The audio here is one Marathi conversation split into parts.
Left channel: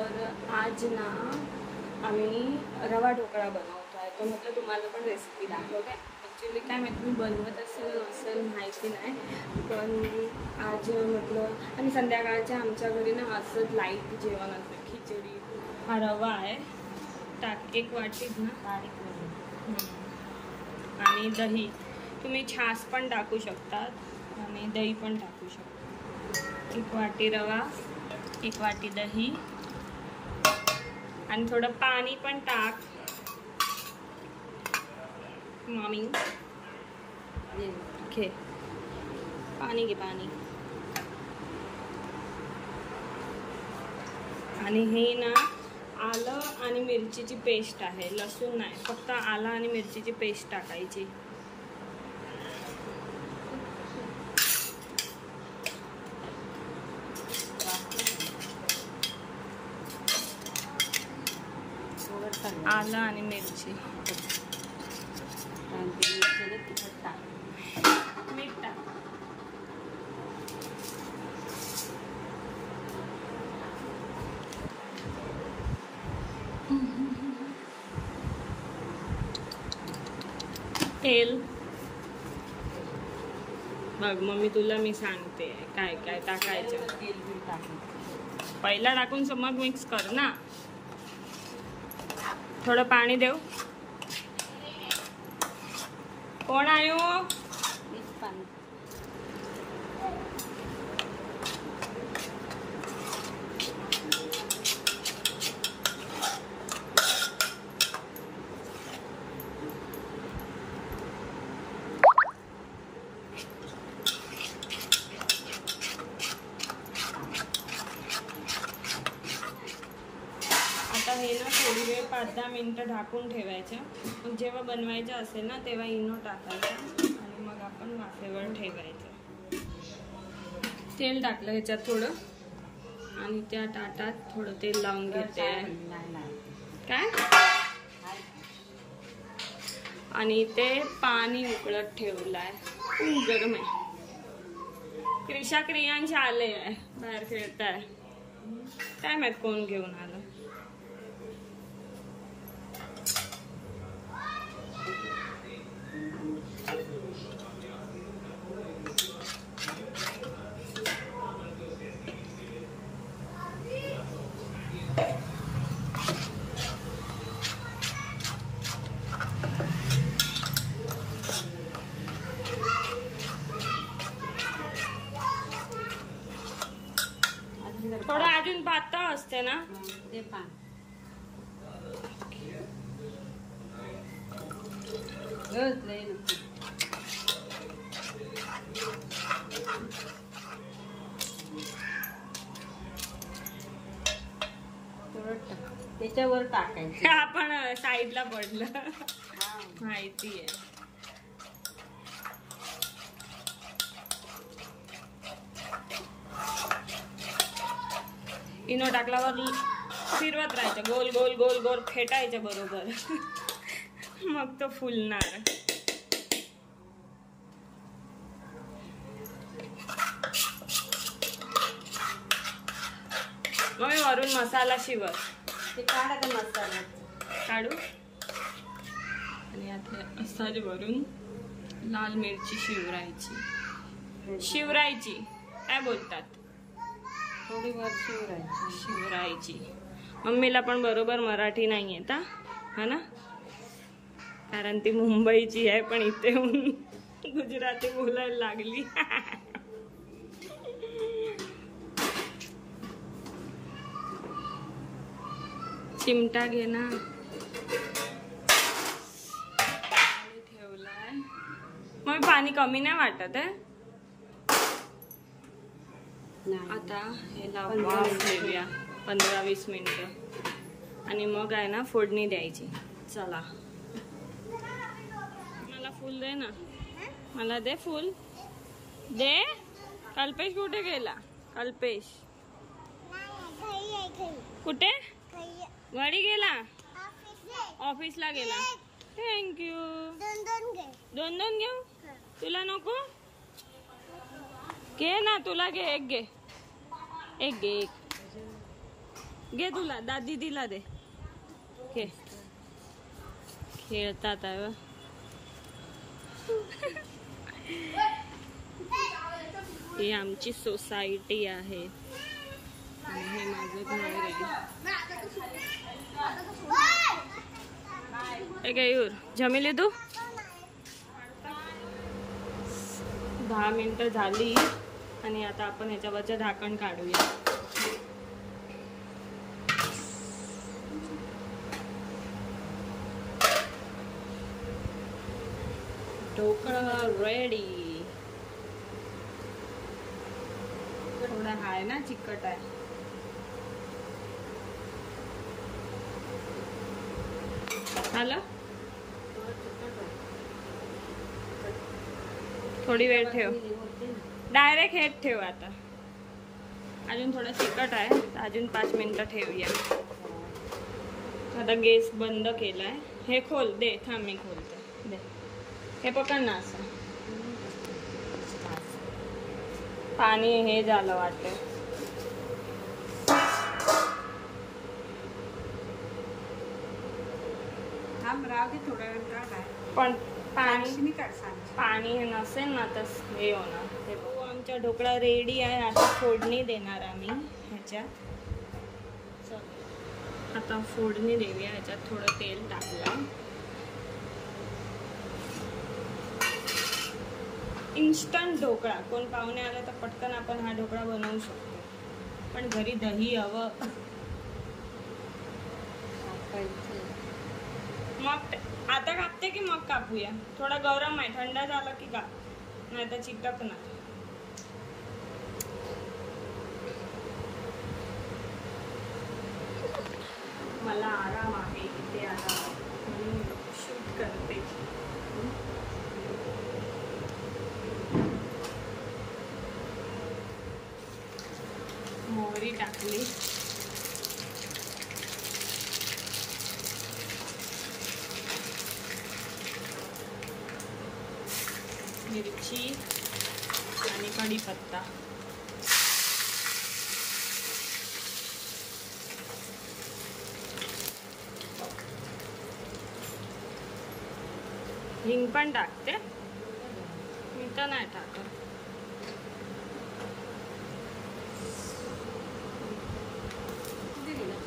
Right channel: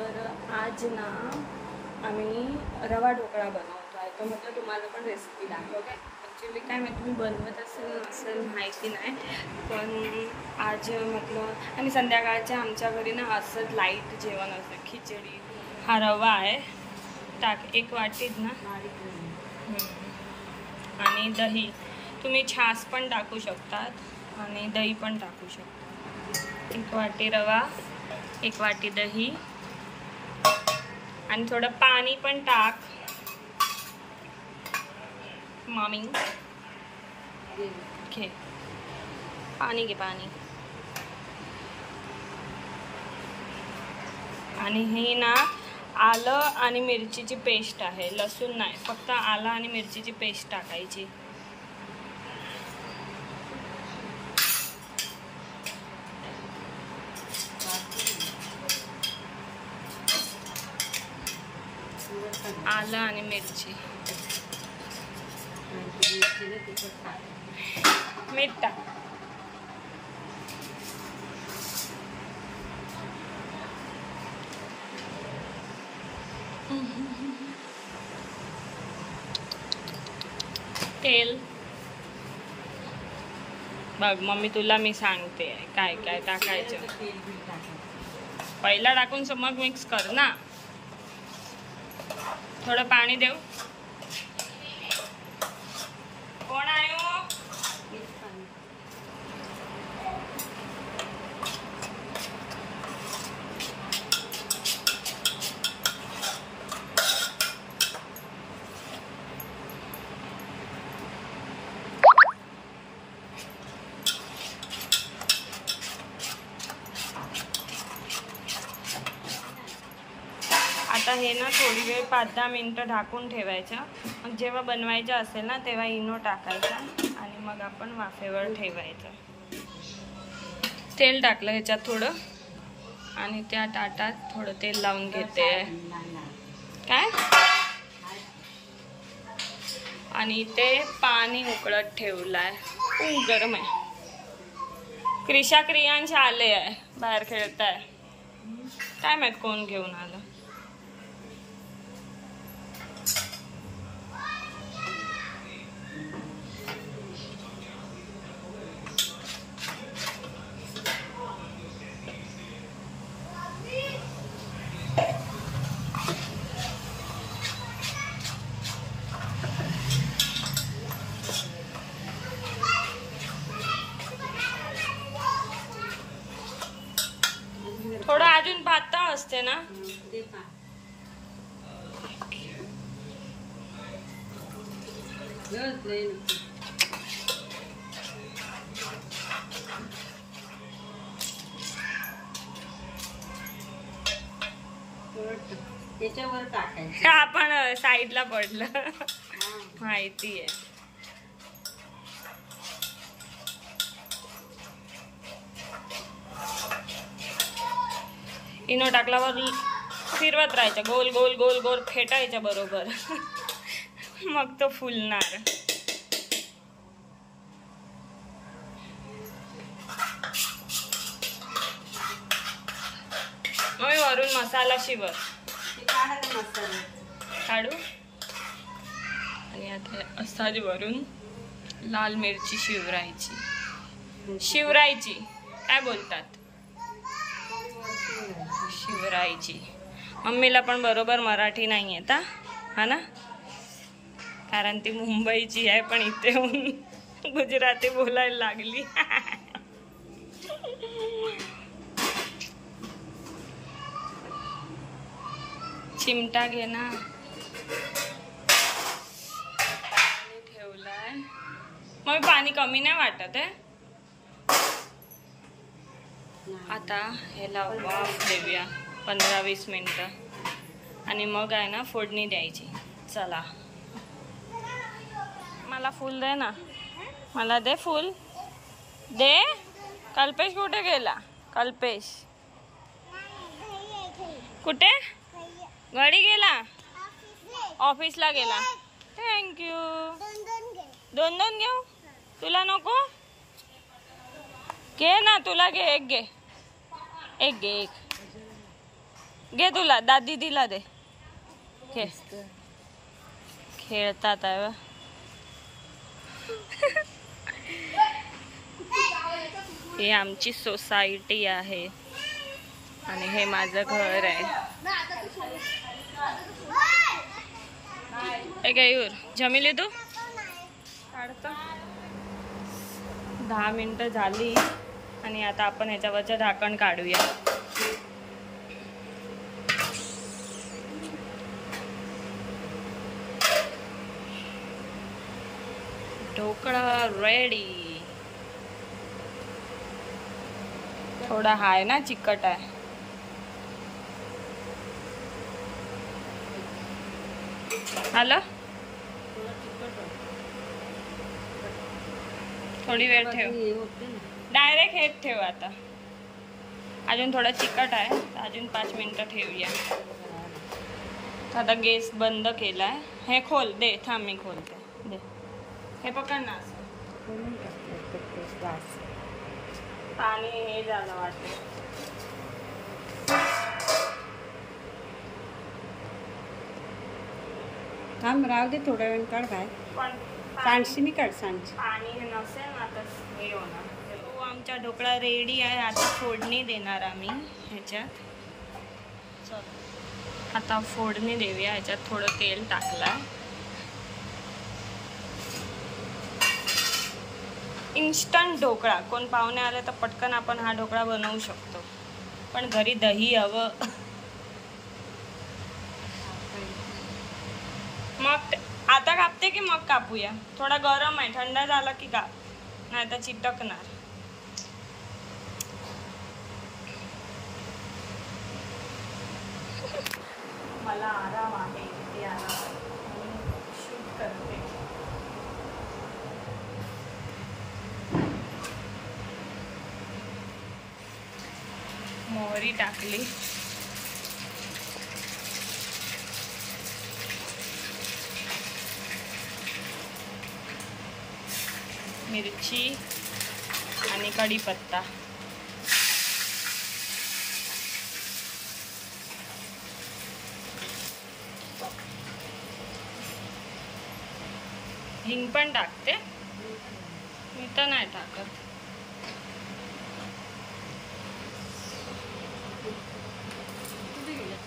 तर आज ना आम्ही रवा ढोकळा बनवतो आहे. तर म्हटलं तुम्हाला पण रेसिपी दाखवते. ॲक्च्युली काय माहिती मी बनवत असेल माहिती नाही, पण आज म्हटलं. आणि संध्याकाळच्या आमच्या घरी ना असंच लाईट जेवण असतं. खिचडी. हा रवा आहे, टाक 1 वाटीत ना. आणि दही, तुम्ही छास पण टाकू शकतात आणि दही पण टाकू शकता. 1 वाटी रवा, 1 वाटी दही आणि थोडं पाणी पण टाक मामी. घे पाणी, घे पाणी. आणि ही ना आलं आणि मिरचीची पेस्ट आहे, लसूण नाही, फक्त आलं आणि मिरचीची पेस्ट टाकायची. आलं आणि मिरची, मीठ टाक. तेल बघ मम्मी, तुला मी सांगते काय काय टाकायचं. पहिला टाकून मग मिक्स कर ना. थोडं पाणी देऊ. कोण आयो? आता हे ना थोडी वेळ 5-10 मिनटं ढाकून ठेवायचं. मग जेव्हा बनवायचं असेल ना तेव्हा इनो टाकायचा आणि मग आपण वाफेवर ठेवायचं. तेल टाकलं ह्याच्यात थोडं आणि त्या ताटात थोडं तेल लावून घेते काय. आणि ते पाणी उकळत ठेवलंय. गरम आहे. क्रिशा क्रियांश आले आहे, बाहेर खेळताय. काय माहित कोण घेऊन आलं. थोडं अजून पातळ असते ना. त्याच्यावर टाकायचं. आपण साईडला पडलं माहिती आहे. इनो टाकल्यावर फिरवत राहायचं, गोल गोल गोल गोल फेटायचं बरोबर. मग तो फुलणार. मग वरून मसाला शिवर काढू. आणि आता असाच वरून लाल मिरची शिवरायची काय बोलतात, शिवरायची. मम्मीला पण बरोबर मराठी नाही येत हा ना, कारण ती मुंबईची आहे, पण इथे येऊन गुजराती बोलायला लागली. चिमटा घे ना. पाणी ठेवलाय. मग पाणी कमी नाही वाटत आहे. आता ह्याला वाफ देऊया 15-20 मिनिटं आणि मग आहे ना फोडणी द्यायची. चला, मला फूल दे ना, मला दे फूल दे. कल्पेश कुठे गेला? कल्पेश कुठे? घरी गेला, ऑफिसला गेला. थँक्यू. 2 घेऊ? तुला नको? घे ना, तुला घे. एक घे. घे तुला दादी दिला दे खेळतात आहे. ही आमची सोसायटी आहे आणि हे माझं घर आहे. गयूर जमिली तू 10 मिनिटं झाली आणि आता आपण ह्याच्यावरचं ढाकण काढूया. ढोकळा रेडी. थोडा हाय ना चिकट आहे. आलं थोडी वेळ ठेव. डायरेक्ट हेच ठेव. आता अजून थोडा चिकट आहे तर अजून 5 मिनिटं ठेवूया. आता गॅस बंद केलाय. हे खोल दे. थांब मी खोलते. दे हे पकड ना. असं पाणी हे झालं वाटतं. थांब राहू दे थोड्या वेळ. काढ काय पण सांडशी मी काढ. सांडशी पाणी नसेल ना तर हे होणार. हो आमचा ढोकळा रेडी आहे. आता फोडणी देणार आम्ही ह्याच्यात. आता फोडणी देऊया. ह्याच्यात थोडं तेल टाकलं. इन्स्टंट ढोकळा. कोण पाहुणे आले तर पटकन आपण हा ढोकळा बनवू शकतो. पण घरी दही हवं. मग आता कापते की मग कापूया. थोडा गरम आहे. थंड झाला की काप, नाही तर चिटकणार. मला आराम आहे इथे आराम म्हणून शूट करते. मोहरी टाकली. मिरची आणि कढीपत्ता. हिंग पण टाकते. मी तर नाही टाकत.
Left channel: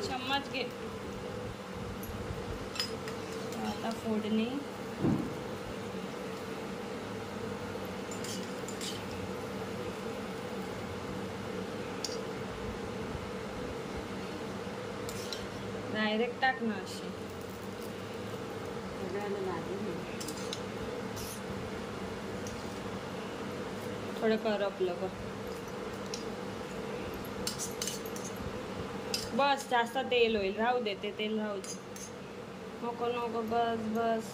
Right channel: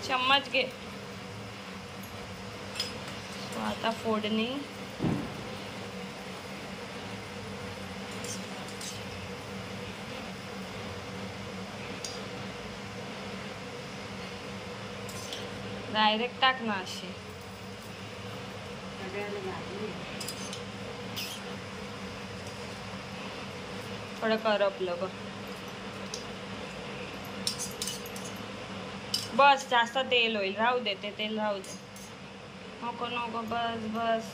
चम्मच घे. आता फोडणी. डायरेक्ट टाक ना अशी. थोडं करपलं ग. बस जास्त तेल होईल. राहू दे ते तेल राहू दे. नको नको बस बस.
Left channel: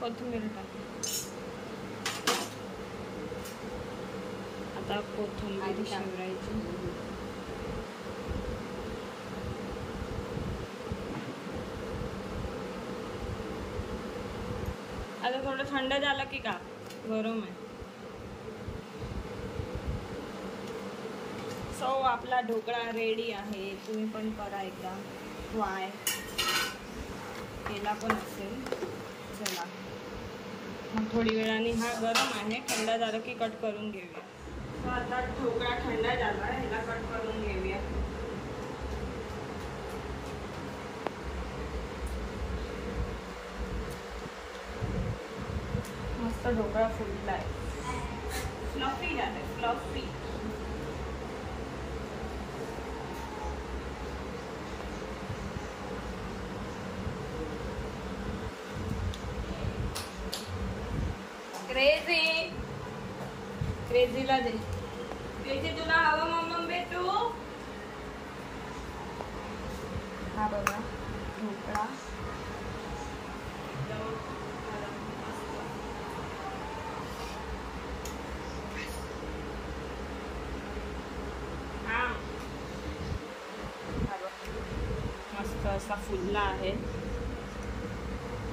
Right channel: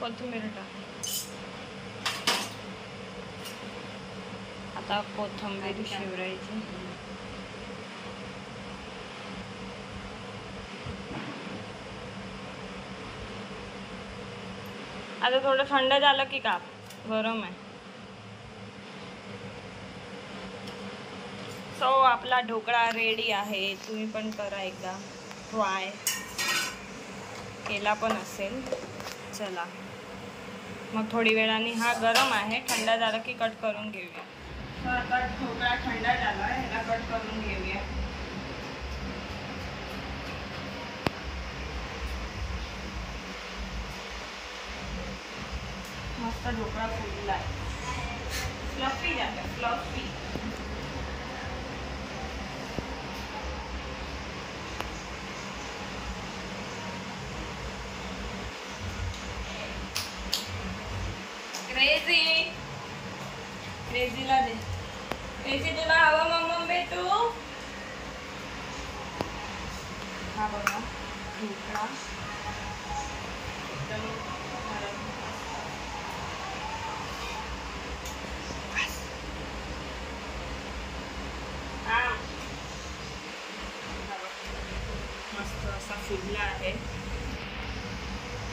कोथिंबीर टाक. आता कोथिंबीर शिवरायची. आता थोडं थंड झालं की काप. गरम आहे. सो आपला ढोकळा रेडी आहे. तुम्ही पण करा एकदा ट्राय. केला पण असेल. चला मग थोडी वेळाने. हा गरम आहे. थंड झालं की कट करून घेऊया. तर आता ढोकळा थंड झाला आहे. ह्याला कट करून घेऊया. मस्त ढोकळा फुलला आहे. फ्लफी झालं. फ्लफी. क्रेझी. क्रेझीला दे. क्रेझी तुला हवं मम्मी भेटू. हा बघा ढोकळा एकदम नरम. मस्त असा फुलला आहे.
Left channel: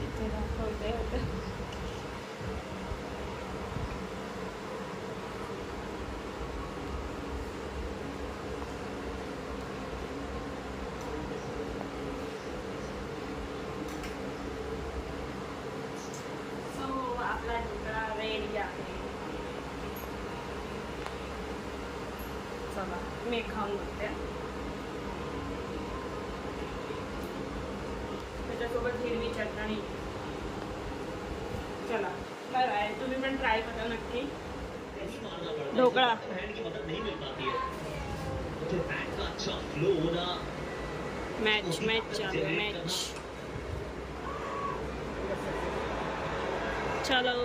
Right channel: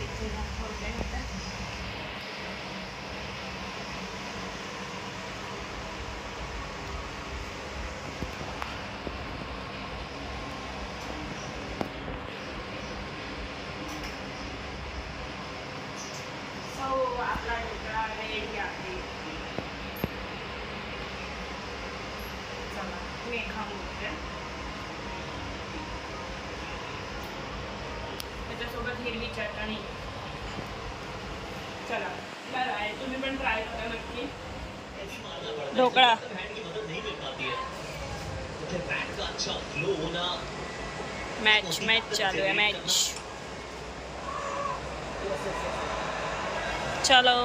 इथे दाखवते होते. आपला ढोकळा रेडी आहे. चला मी खाऊन बघते. त्याच्यासोबत हिरवी चटणी. चला बाय. तुम्ही पण ट्राय करा नक्की. ढोकळा मैच चालू है. मैच चलो.